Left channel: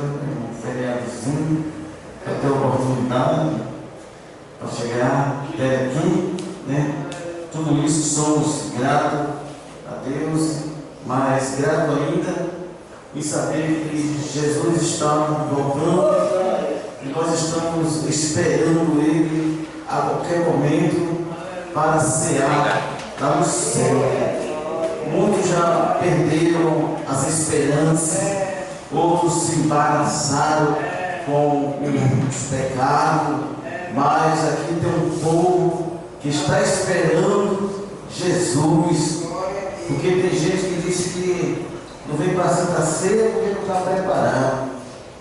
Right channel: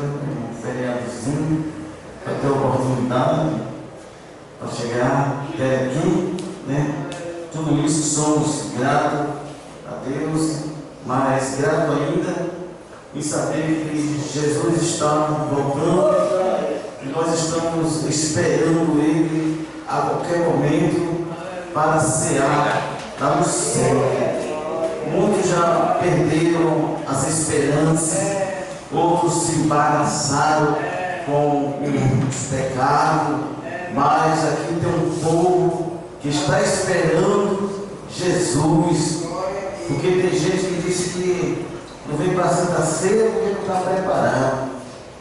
um feriadozinho, para ter oportunidade para chegar até aqui, né? Tudo isso somos gratos a Deus, mas grato ainda em saber que Jesus está voltando e nós estamos esperando Ele a qualquer momento para cear lá no céu. Muitos já perderam as esperanças, outros se embaraçaram com os pecados, mas aqui tem um povo que está esperando Jesus, porque tem gente que diz que não vem para a Santa Ceia porque não está preparado.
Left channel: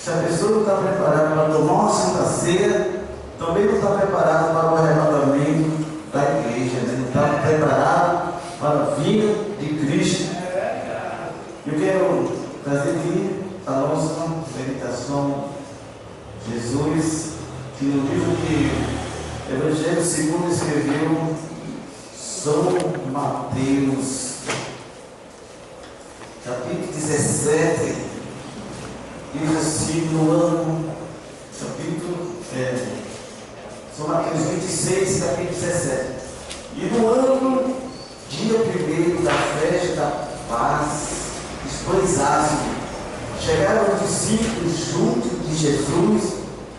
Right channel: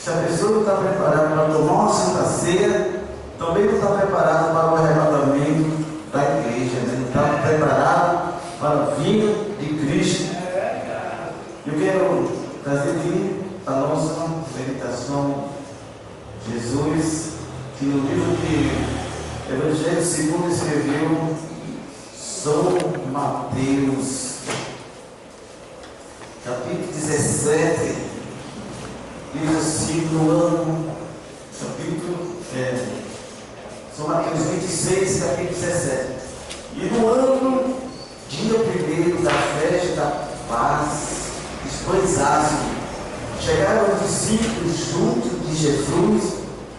Se a pessoa não está preparada para tomar uma Santa Ceia, também não está preparado para o arrebatamento da igreja, né? Não está preparado para a vinda de Cristo. Eu quero trazer aqui a nossa meditação. Jesus, que no livro que Evangelho segundo escreveu São Mateus, capítulo 17, diz assim, no ano, São Mateus 26, capítulo 17. E no ano, dia primeiro da festa da paz, pães ácidos, chegaram os discípulos junto de Jesus,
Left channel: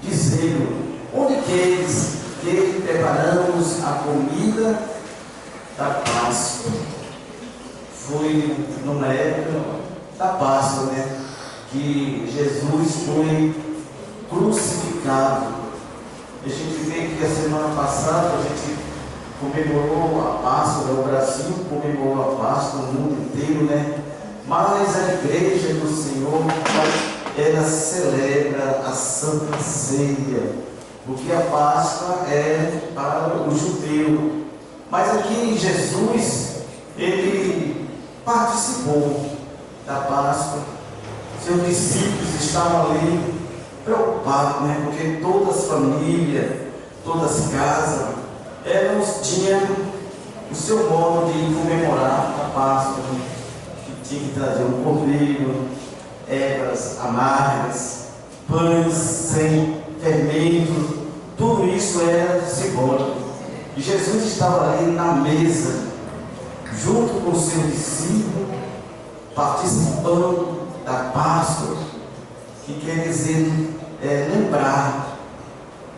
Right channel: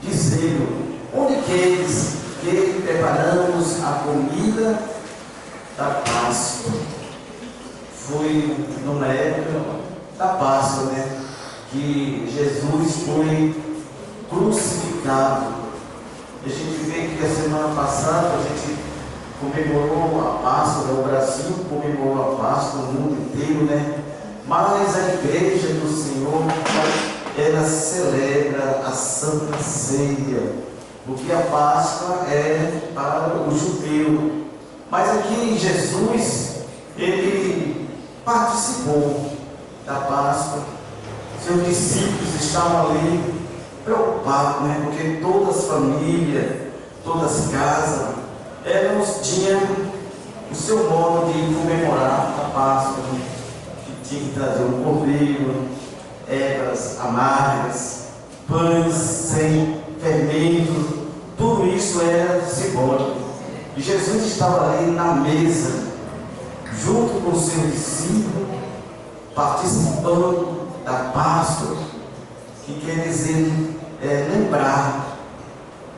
dizendo: onde queres que preparamos a comida da Páscoa? Foi numa época da Páscoa, né? Que Jesus foi crucificado. A gente vê que a semana passada a gente comemorou a Páscoa, o Brasil comemorou a Páscoa, o mundo inteiro, né? Mas a igreja do Senhor, ela celebra a Santa Ceia, porque a Páscoa é para o judeu. Mas aqui Jesus, ele participou da Páscoa. Seus discípulos estavam ali preocupados, né? Porque todas as famílias, todas as casas, elas tinham o seu modo de comemorar a Páscoa, né? Tinha que trazer um cordeiro, ervas amargas, pães sem fermento, tudo isso era simbólico. E Jesus estava ali na mesa, junto com os seus discípulos, participando da Páscoa, que quer dizer lembrar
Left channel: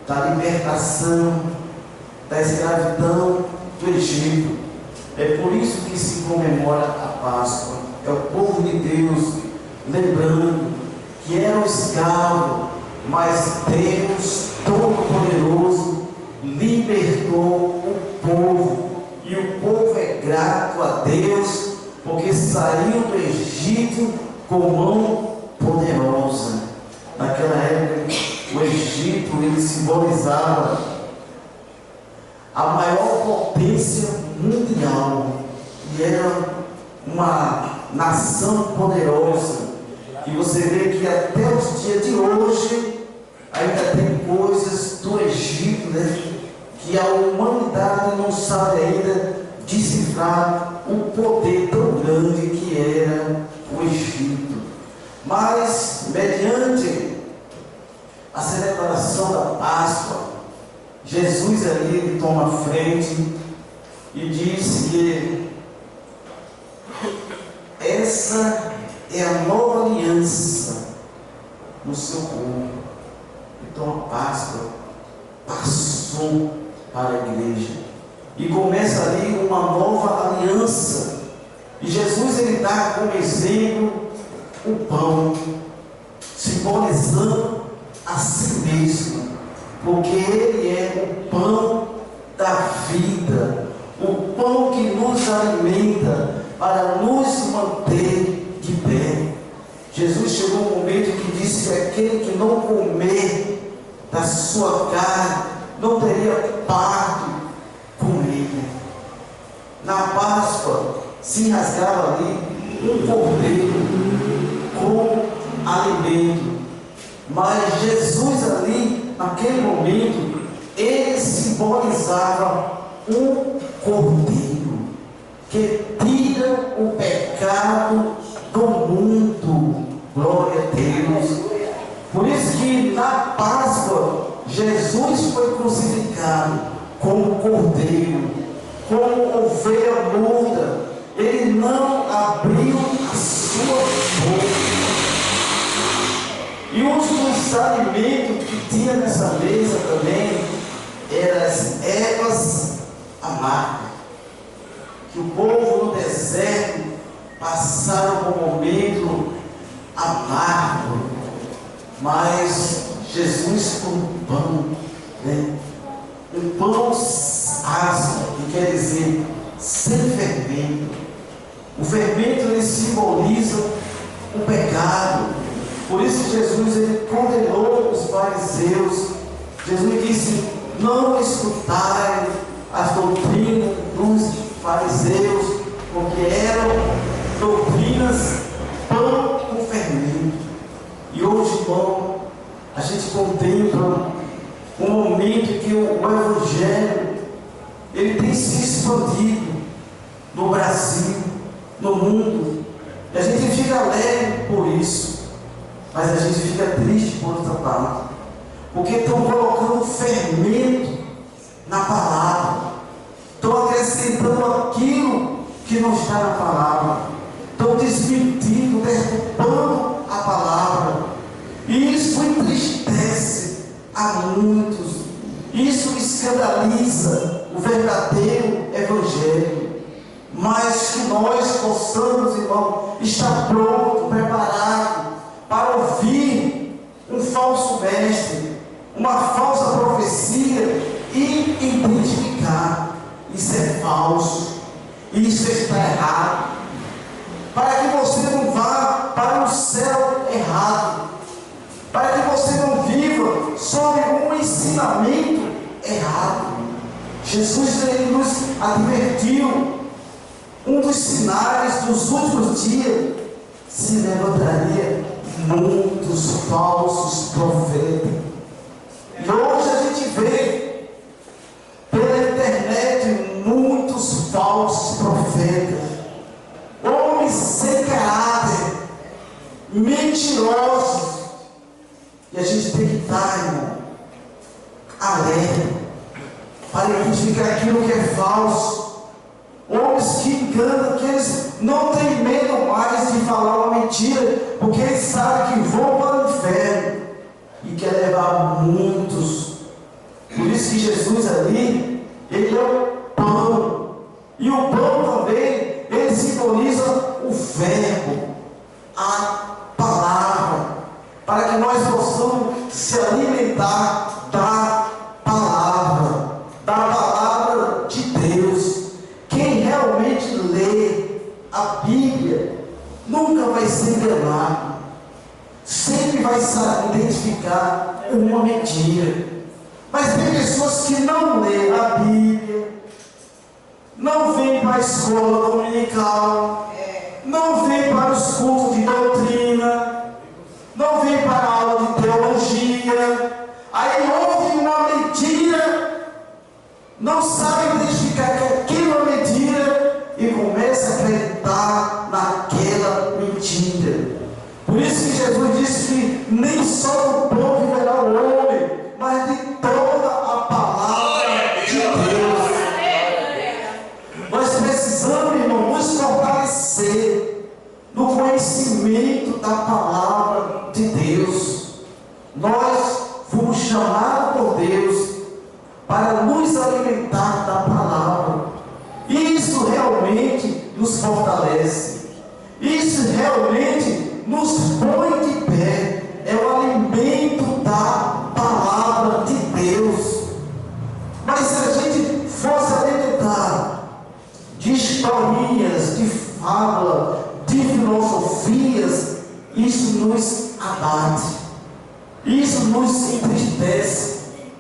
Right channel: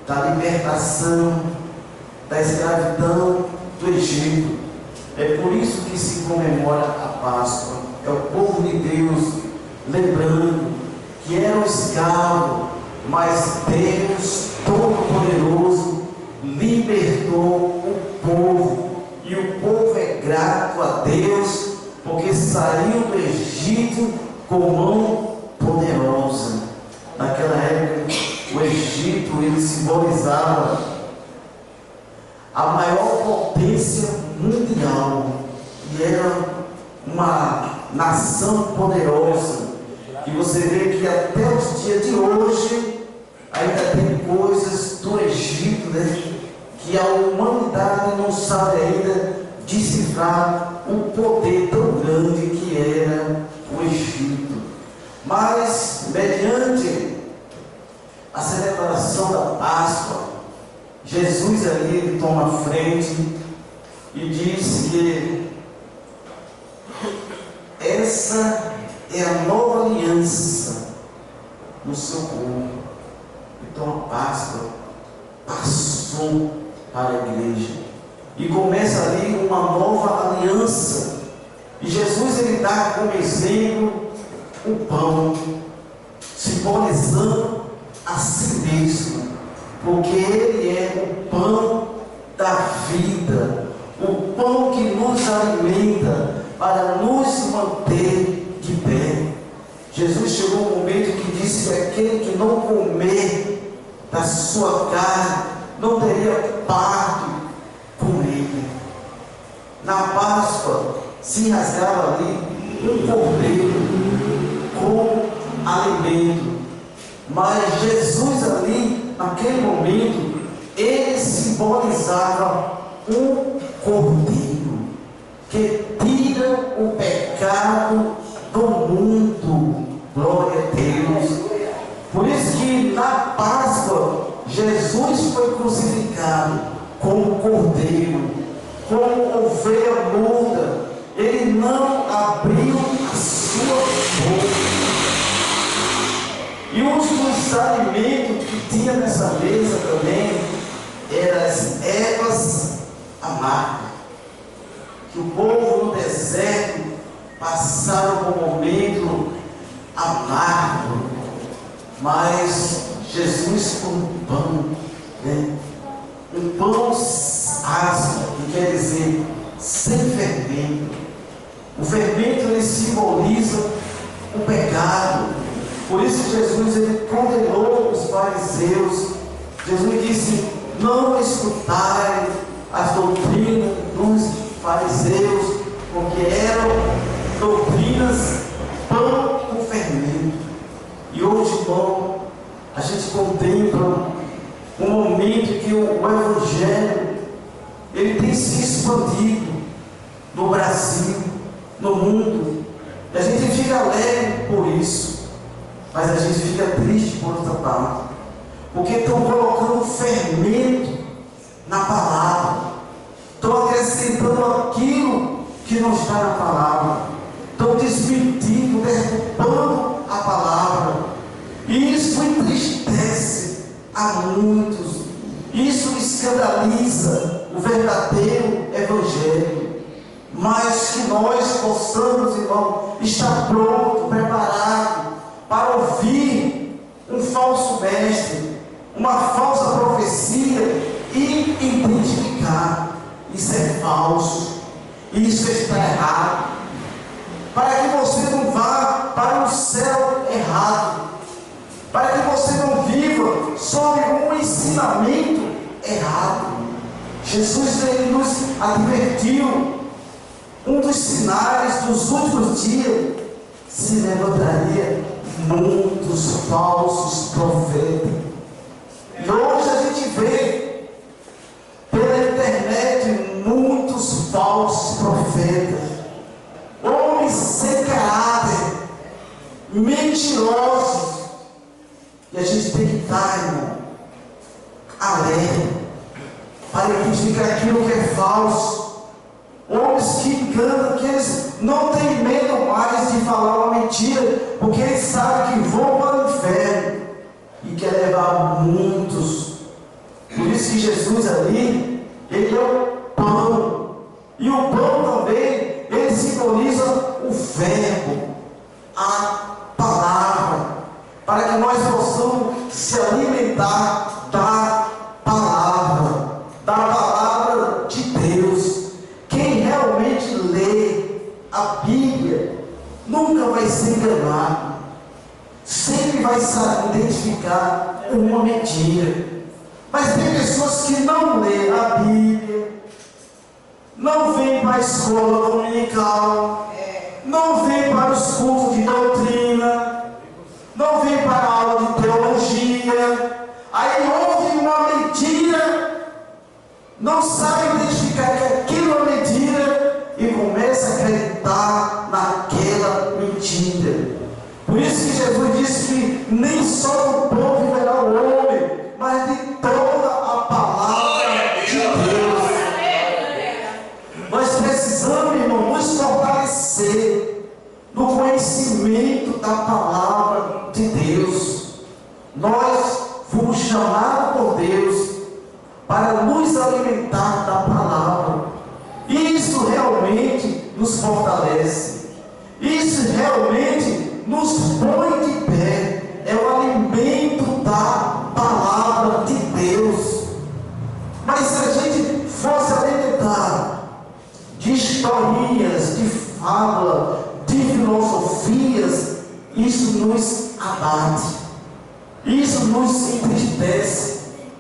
da libertação, da escravidão do Egito. É por isso que se comemora a Páscoa. É o povo de Deus lembrando que era um escravo, mas Deus Todo-Poderoso libertou o povo. E o povo é grato a Deus, porque saiu do Egito com mão poderosa. Naquela época, o Egito, ele simbolizava a maior potência mundial, e era uma nação poderosa. E você vê que até os dias de hoje ainda tem coisas do Egito, né, que a humanidade não sabe ainda decifrar o poder tão grande que era o Egito. Mas mediante a celebração da Páscoa, Jesus ali ele toma a frente e diz que essa é a nova aliança no seu corpo. Então a Páscoa passou para a igreja e começa ali uma nova aliança. E Jesus ele dá como exemplo o pão, simbolizando a si mesmo, porque ele é o pão da vida, o pão que nos alimenta para nos manter de pé. Jesus chegou um momento que disse que aquele que não comer da sua carne não teria parte com ele. Na Páscoa se rasgava ali um cordeiro com alimento, mas Jesus ali naquele momento ele simbolizava um cordeiro que tira o pecado do mundo. Glória a Deus. Por isso que na Páscoa, Jesus foi crucificado como cordeiro, como ovelha muda. Ele não abriu a sua boca. E um dos alimentos que tinha nessa mesa também eram as ervas amargas, que o povo no deserto passaram por um momento amargo, mas Jesus com um pão, né? Um pão ácido, que quer dizer sem fermento. O fermento ele simboliza o pecado. Por isso Jesus ele condenou os fariseus. Jesus disse: não escutai as doutrinas dos fariseus, porque eram doutrinas pão com fermento. E hoje, irmão, a gente contempla um momento em que o Evangelho ele tem se expandido no Brasil, no mundo, e a gente fica alegre por isso, mas a gente fica triste por outra parte, porque estão colocando fermento na palavra, estão acrescentando aquilo que não está na palavra, estão desmentindo, derrubando a palavra, e isso entristece a muitos, isso escandaliza o verdadeiro Evangelho. Mas que nós possamos, irmão, estar pronto, preparado para ouvir um falso mestre, uma falsa profecia e identificar: isso é falso, isso está errado, para que você não vá para o céu errado, para que você não viva sob um ensinamento errado. Jesus ele nos advertiu: um dos sinais dos últimos dias se levantaria muitos falsos profetas. E hoje a gente vê pela internet muitos falsos profetas, homens sem caráter, mentirosos. E a gente tem que estar, irmão, alerta para identificar aquilo que é falso. Homens que enganam, que eles não têm medo mais de falar uma mentira, porque eles sabem que vão para o inferno e quer levar muitos. Por isso que Jesus ali, ele é o pão, e o pão também, ele simboliza o verbo, a palavra, para que nós possamos se alimentar da palavra de Deus. Quem realmente lê a Bíblia nunca vai se enganar, sempre vai saber identificar uma mentira. Mas tem pessoas que não lêem a Bíblia, não vêm para a escola dominical, não vêm para os cultos de doutrina, não vêm para a aula de teologia, aí ouve uma mentira, não sabe identificar que aquilo é mentira e começa a acreditar naquela mentira. Por isso que Jesus disse que nem só do pão viverá o homem, mas de toda a palavra de Deus. Nós precisamos, irmão, nos fortalecer no conhecimento da palavra de Deus. Nós fomos chamados por Deus para nos alimentar da palavra. Isso realmente nos fortalece. Isso realmente nos põe de pé. É o alimento da palavra de Deus. Mas se a gente fosse alimentar de historinhas, de fábula, de filosofias, isso nos abate, isso nos entristece,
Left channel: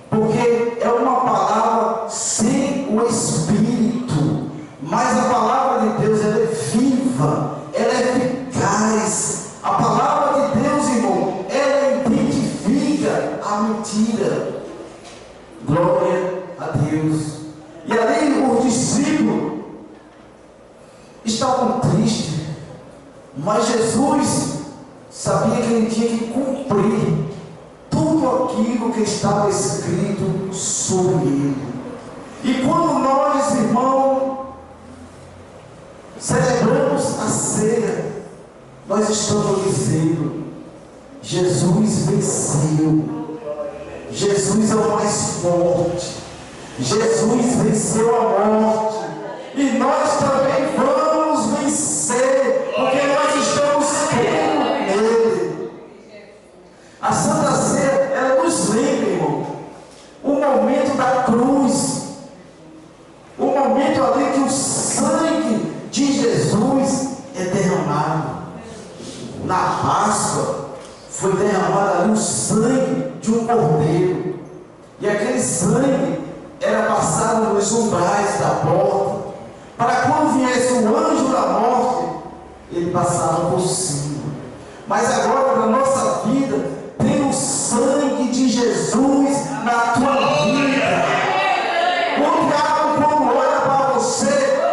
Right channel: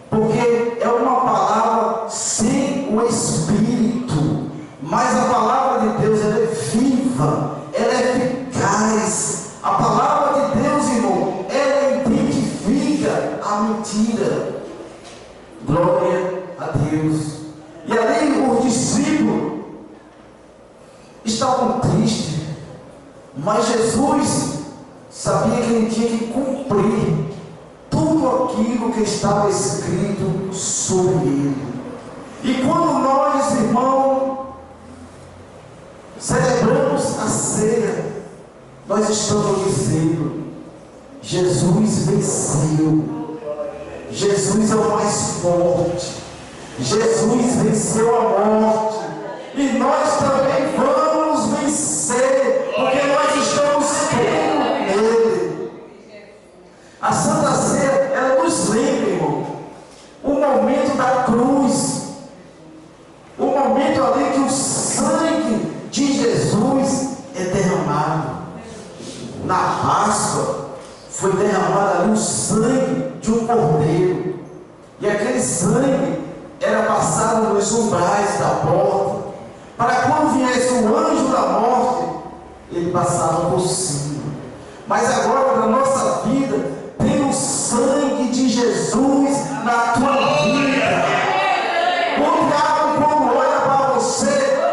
porque é uma palavra sem o Espírito. Mas a palavra de Deus, ela é viva, ela é eficaz. A palavra de Deus, irmão, ela identifica a mentira. Glória a Deus. E ali os discípulos estavam tristes, mas Jesus sabia que ele tinha que cumprir aquilo que estava escrito sobre ele. E quando nós, irmãos, celebramos a ceia, nós estamos dizendo: Jesus venceu, Jesus é o mais forte, Jesus venceu a morte, e nós também vamos vencer, porque nós estamos crendo nele. A Santa Ceia, ela nos lembra, irmão, o momento da cruz, o momento ali que o sangue de Jesus é derramado. Na Páscoa foi derramado ali o sangue de um cordeiro, e aquele sangue era passado nos umbrais da porta, para quando viesse o anjo da morte, ele passava por cima. Mas agora, na nossa vida, tem o sangue de Jesus na tua vida. O diabo, quando olha para você,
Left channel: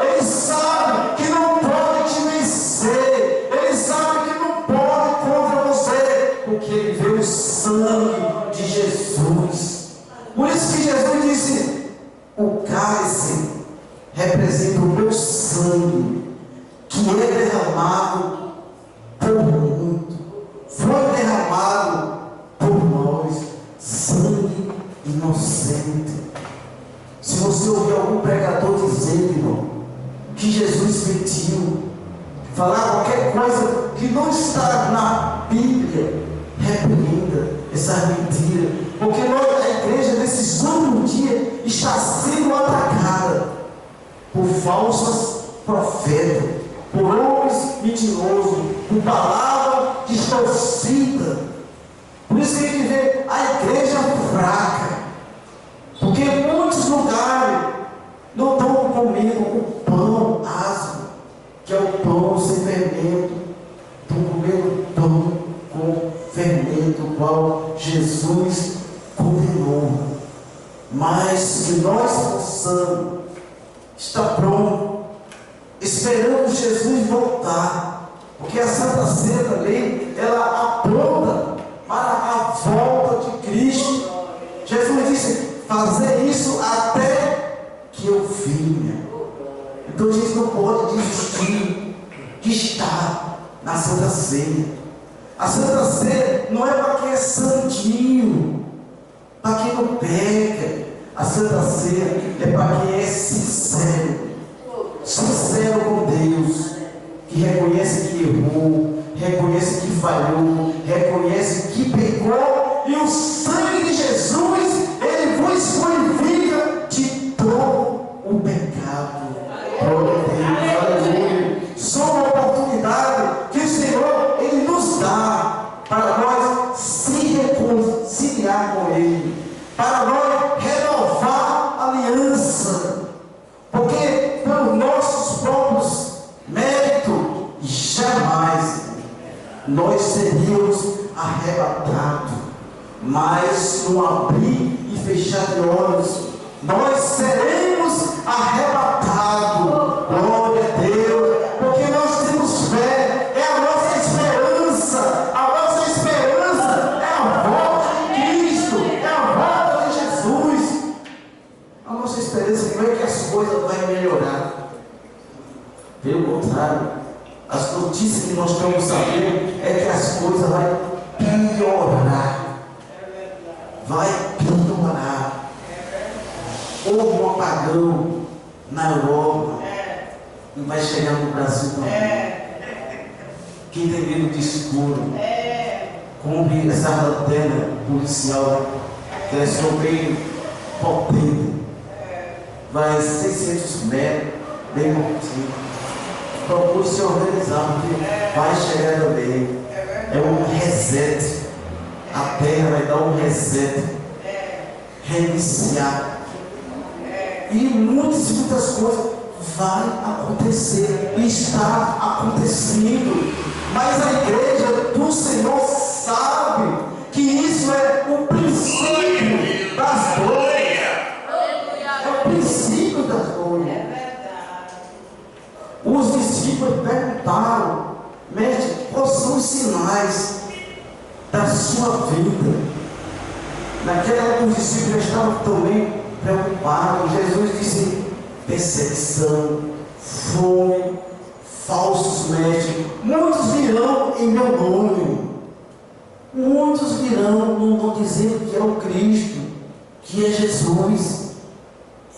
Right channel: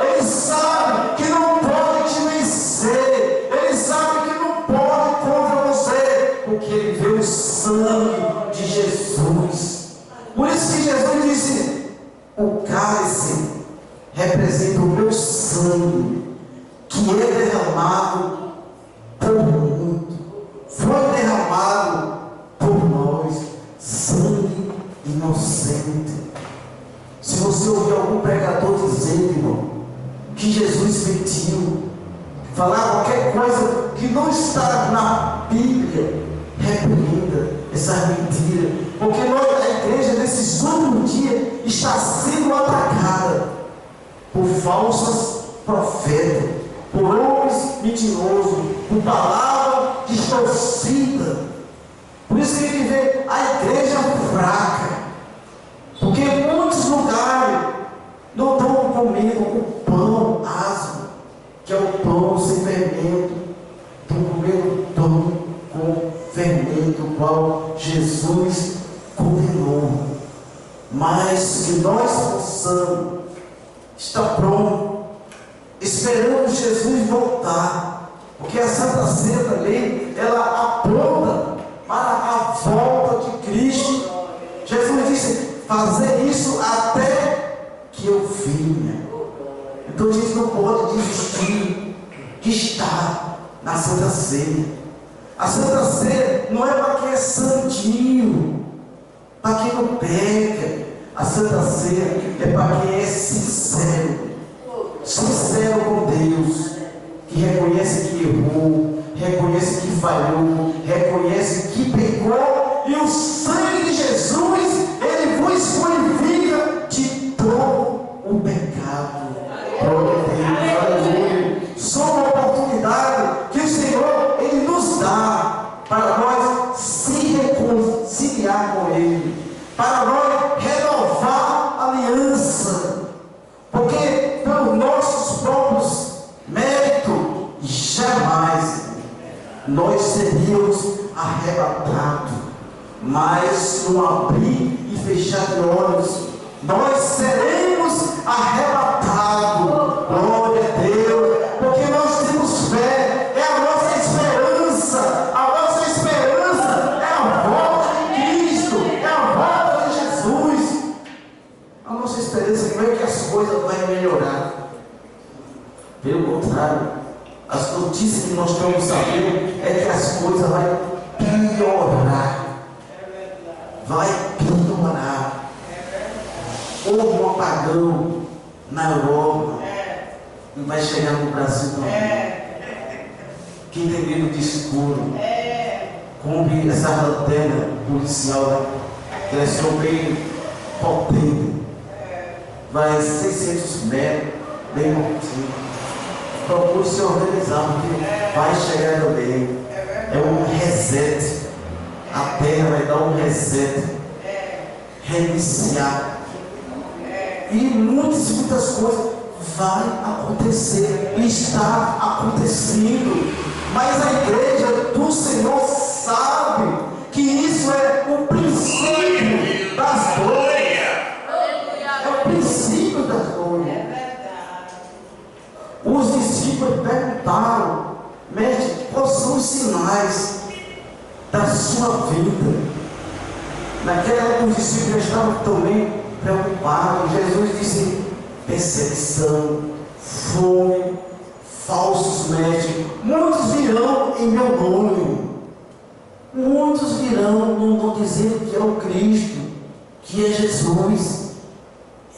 ele sabe que não pode te vencer, ele sabe que não pode contra você, porque ele vê o sangue de Jesus. Por isso que Jesus disse: o cálice representa o meu sangue, que é derramado por muito, foi derramado por nós, sangue inocente. Se você ouvir algum pregador dizendo, irmão, que Jesus mentiu, falar qualquer coisa que não está na Bíblia, repreenda essas mentiras, porque nós, a igreja, nesses últimos dias, está sendo atacada por falsos profetas, por homens mentirosos, por palavra distorcida. Por isso que a gente vê a igreja fraca, porque em muitos lugares não estão comendo o pão asmo, que é o pão sem fermento, estão comendo pão com fermento, o qual Jesus condenou. Mas que nós possamos estar prontos, esperando Jesus voltar, porque a Santa Ceia também, ela aponta para a volta de Cristo. Jesus disse: fazer isso até que eu venha. Então a gente não pode desistir de estar na Santa Ceia. A Santa Ceia não é para quem é santinho, para quem não peca. A Santa Ceia é para quem é sincero, sincero com Deus, que reconhece que errou, reconhece que falhou, reconhece que pecou, e o sangue de Jesus, ele vos purifica de todo o pecado. Glória a Deus, aleluia. Só uma oportunidade que o Senhor, ele nos dá para nós se reconciliar com ele, para nós renovar a aliança, porque pelos nossos próprios méritos jamais nós seríamos arrebatados, mas no abrir e fechar de olhos nós seremos arrebatados. Glória a Deus, porque nós temos fé, é a nossa esperança. A nossa esperança é a volta de Cristo, é a volta de Jesus. A nossa esperança não é que as coisas vão melhorar, pelo contrário, as notícias que nós estamos sabendo é que as coisas vão piorar. Vai piorar. Houve um apagão na Europa e vai chegar no Brasil também. Quem tem medo de escuro, compre essa lanterna policial, que é só bem potente, vai 600 metros, bem curtinho. Procure se organizar, porque vai chegar também. É um reset. A terra vai dar um reset, reiniciar. E muitas coisas vai acontecer, e está acontecendo. Mas a igreja do Senhor sabe que isso é o princípio das dores. É o princípio das dores. Os discípulos perguntaram: mestre, quais são os sinais da sua vida? Naquela época os discípulos estavam também preocupados. Jesus disse: perseguição, fome, falsos mestres, muitos virão em meu nome. Muitos virão, não vão dizer que é o Cristo, que é Jesus.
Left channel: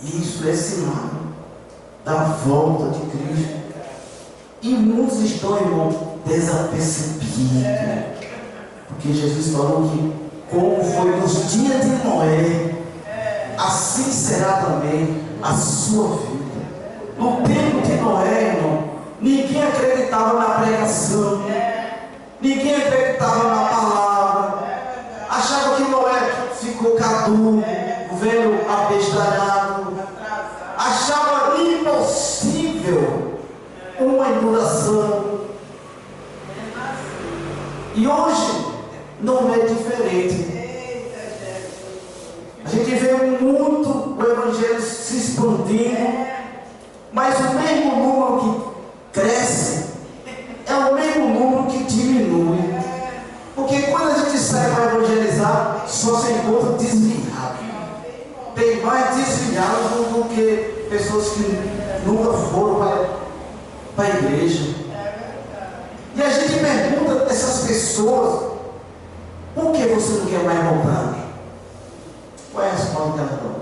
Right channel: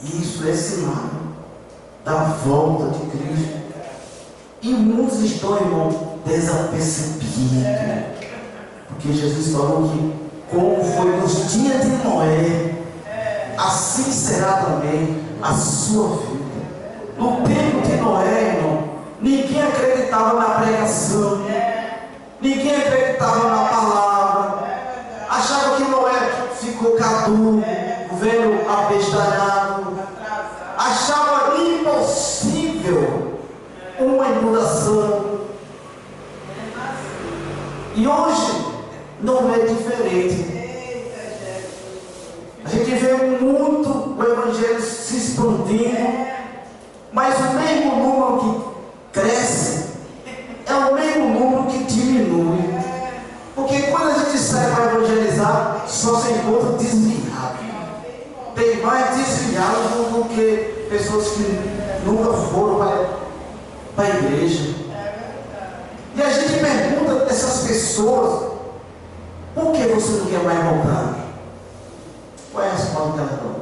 Isso é sinal da volta de Cristo. E muitos estão, irmão, desapercebidos. Porque Jesus falou que, como foi nos dias de Noé, assim será também a sua vida. No tempo de Noé, irmão, ninguém acreditava na pregação, ninguém acreditava na palavra, achava que Noé ficou caduco, velho abestalhado, achava impossível uma inundação. E hoje não é diferente. A gente vê muito o Evangelho se expandindo, mas o mesmo número que cresce é o mesmo número que diminui. Porque quando a gente sai para evangelizar, só se encontra desviado. Tem mais desviados do que pessoas que nunca foram para a igreja. E a gente pergunta a essas pessoas: por que você não quer mais voltar? Qual é a resposta que elas dão?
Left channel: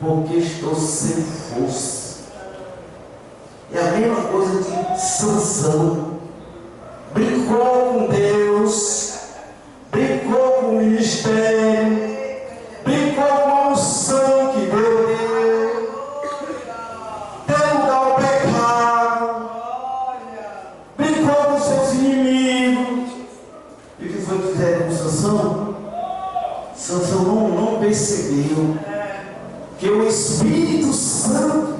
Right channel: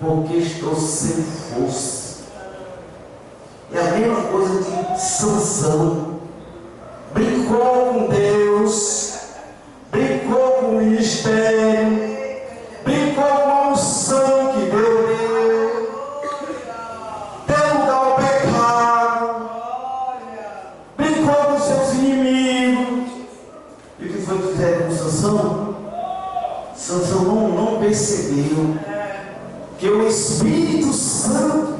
Porque estou sem força. É a mesma coisa de Sansão. Brincou com Deus, brincou com o ministério, brincou com a unção que Deus deu lugar ao pecado, brincou com seus inimigos. E o que foi que fizeram com Sansão? Sansão não percebeu que o Espírito Santo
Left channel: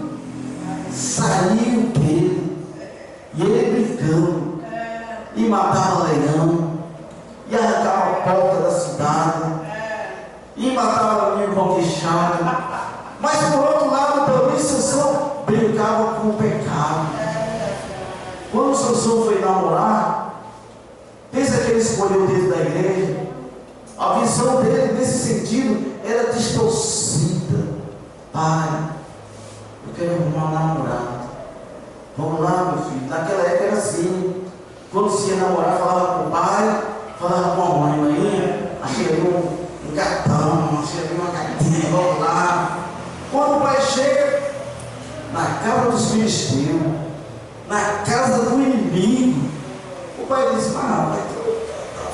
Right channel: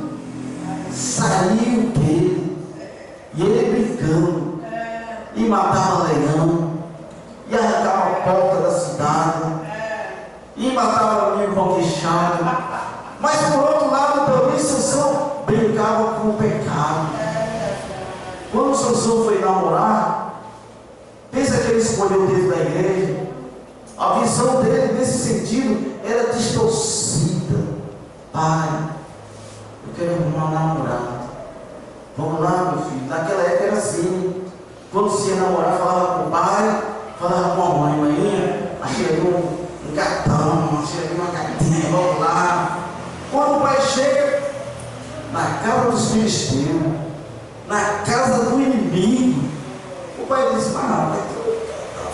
saiu dele, e ele brincando, e matava leão, e arrancava a porta da cidade, e matava o menino conquistado. Mas por outro lado também Sansão brincava com o pecado. Quando Sansão foi namorar, pensa que ele escolheu dentro da igreja. A visão dele nesse sentido era distorcida. Pai, eu quero arrumar um namorado. Vamos lá, meu filho. Naquela época era assim. Quando se ia namorar, falava com o pai, falava com a mãe: mãe, achei ali um gatão, achei ali uma gatinha, vamos lá. Quando o pai chega na casa dos filisteus, na casa do inimigo, o pai diz: tá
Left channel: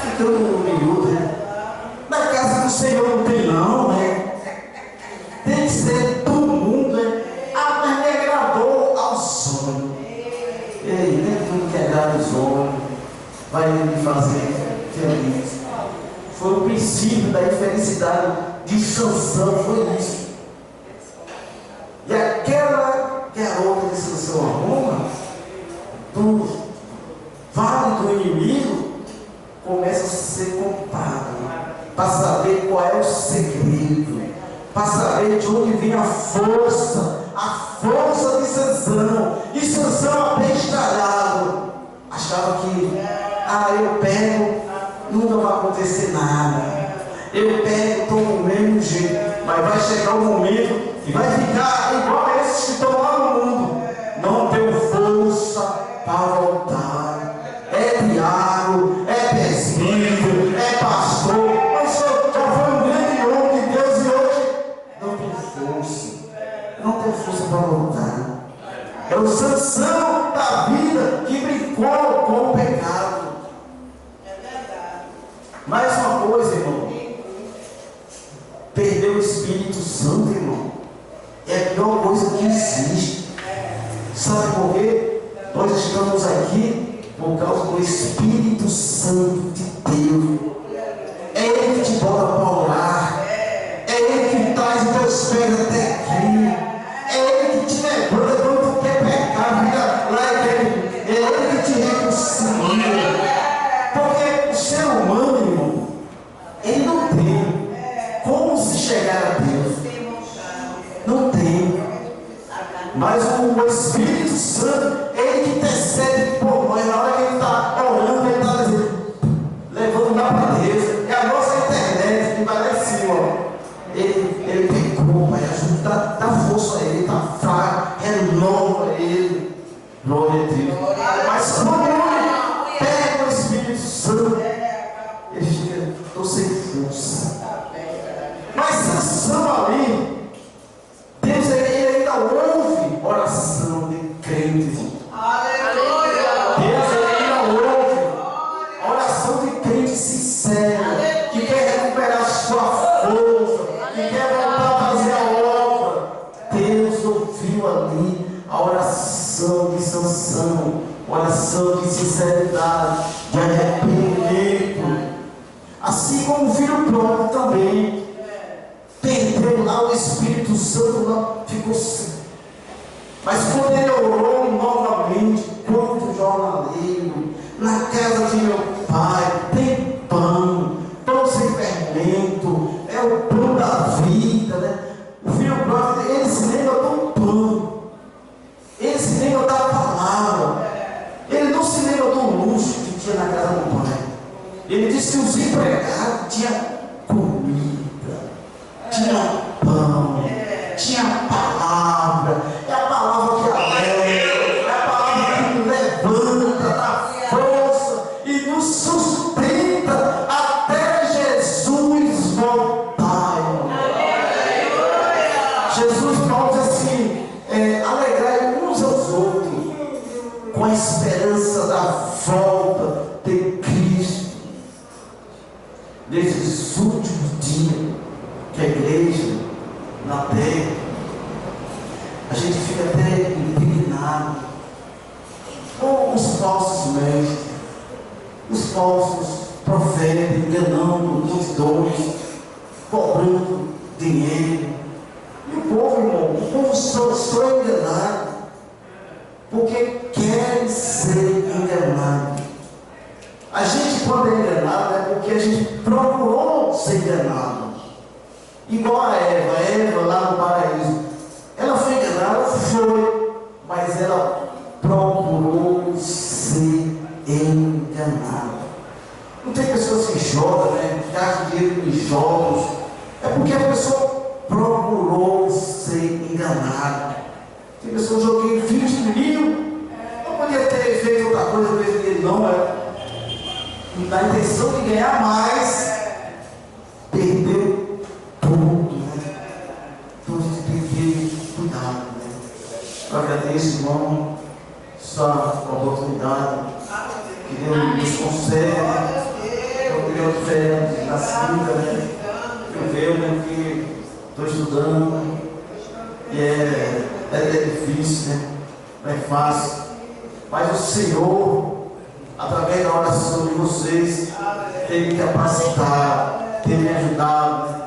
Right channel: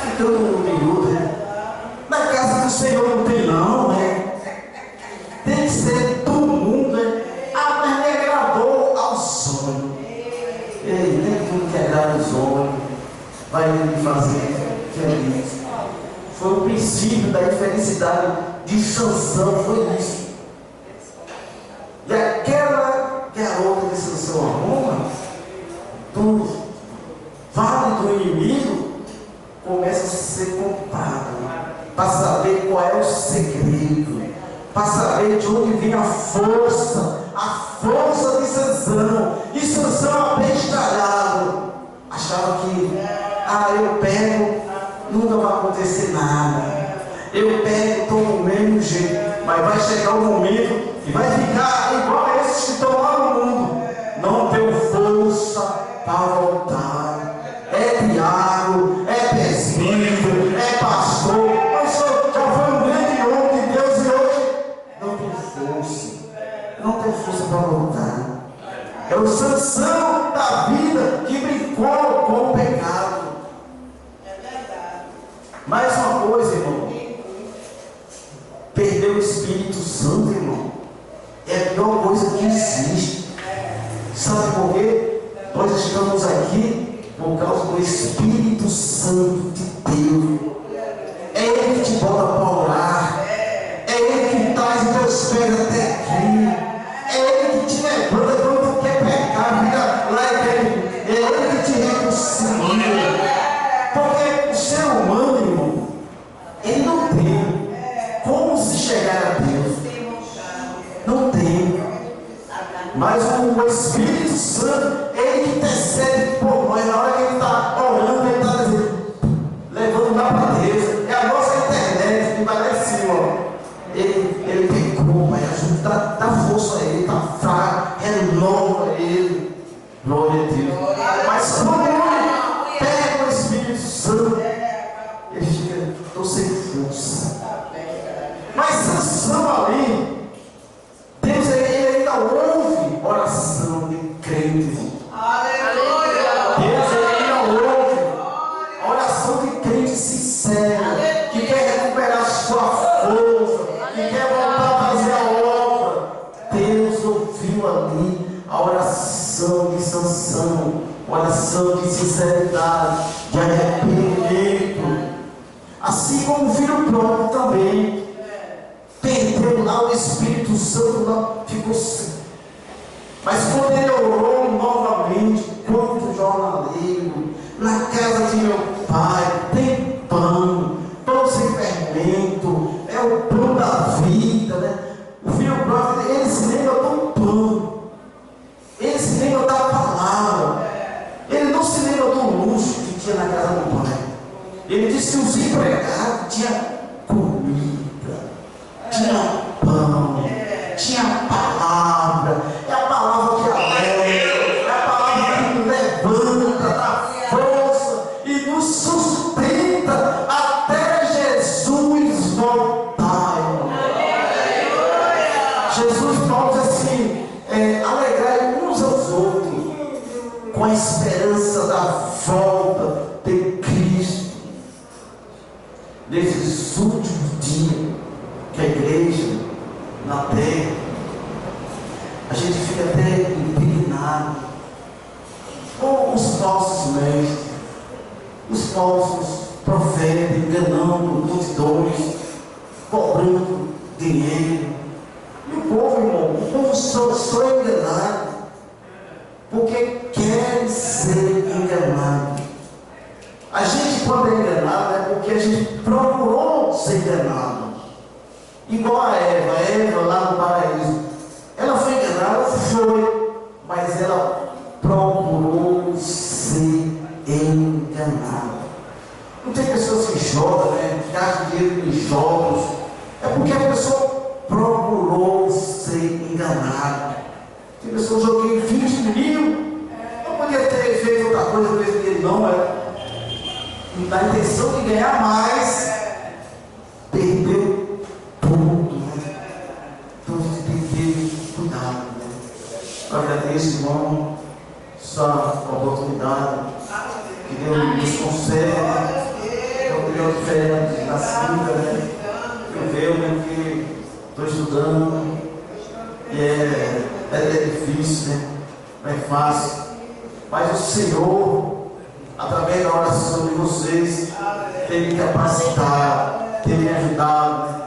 ficando miúdo, né? Na casa do Senhor não tem não, né? Tem que ser todo mundo, né? Ah, mas me agradou aos homens. Ei, nem tudo que agrada os homens vai me fazer feliz. Foi o princípio da infelicidade de Sansão, foi isso. E aquela garota de Sansão arruma, do vale do inimigo, começa a ser comprada, para saber qual é o segredo, para saber de onde vem a força de Sansão. E Sansão abestalhado, achava que, eu pego, nunca vai acontecer nada, eu pego, estou do mesmo jeito, mas vai chegar um momento e vai ficar igual a esses que estão lá no mundo, não tenho força para voltar. É diácono, é presbítero, é pastor, mas já foi um grande homem de Deus e hoje não tem força, não tem força para voltar. É o Sansão da vida que brincou com o pecado. É verdade. Mais uma coisa, irmão, perder o Espírito Santo, irmão, é a pior coisa que existe. Sabe por quê? Nós estamos aqui por causa do Espírito Santo de Deus. É Ele que te bota para orar, é Ele que traz os teus pés até aqui, é Ele que te levanta quando tu quer pecar, fica lá e é Ele que te reconcilia. Porque o ser humano, irmão, ele não tem como se chegar a Deus, não tem. Mas o Espírito Santo, Ele que intercede por nós. Na hora que Ele está orando, Ele está levando lá para Deus. É a nossa internet. ele pecou, Pai, ajuda, dá força a ele, está fraco, renova ele. Glória a Deus. Mas quando ele pega o Espírito Santo, ele fica, estou sem força. Mas Sansão ali, Deus ele ainda ouve oração de crentes. Aleluia. Deus ele ainda ouve oração de crente sincera, que quer recuperar sua força, que quer voltar a fazer a obra. Deus ouviu ali a oração de Sansão, oração de sinceridade, de arrependimento. Assim como o filho próprio também perdeu lá o Espírito Santo, lá ficou sem. Mas quando ele orou novamente, quanto jornaleiro, na casa de meu pai, tem pão, pão sem fermento, é o pão da vida, né? O filho próprio, ele se lembra do pão, ele se lembra da palavra, ele não se lembra do luxo que tinha na casa do pai. Ele disse que os empregados tinham comida, tinha pão, tinha palavra. É a palavra que alegra, é a palavra que nos levanta, dá força e nos sustenta até Jesus voltar. Jesus fala assim, alegrai uns aos outros com a esperança da volta de Cristo. Nesses últimos dias que a igreja na terra, a gente fica até indignado com os falsos mestres, os falsos profetas, enganando multidões, cobrando dinheiro. E o povo, irmão, o povo só é enganado porque quer ser enganado. A gente, quando é enganado, é porque a gente procurou ser enganado. Igual a Eva lá no paraíso. Ela foi enganada, foi, mas ela procurou ser enganada. Não tem pessoas que jogam, né? Gastam dinheiro em jogos. É porque a pessoa procurou ser enganada. Tem pessoas que joguei 20 mil, não podia ter feito outra coisa com esse dinheiro, não. Na intenção de ganhar mais, perdeu tudo, né? Então a gente tem que ter cuidado, né? Eu agradeço, irmão, essa oportunidade que Deus nos concede. Eu queria diferente da Cinta, né? Eu vejo, né, que estou estudando e é difícil, né? Não é fácil. Mas o Senhor, através da oração de vocês, tem me capacitado, tem me ajudado,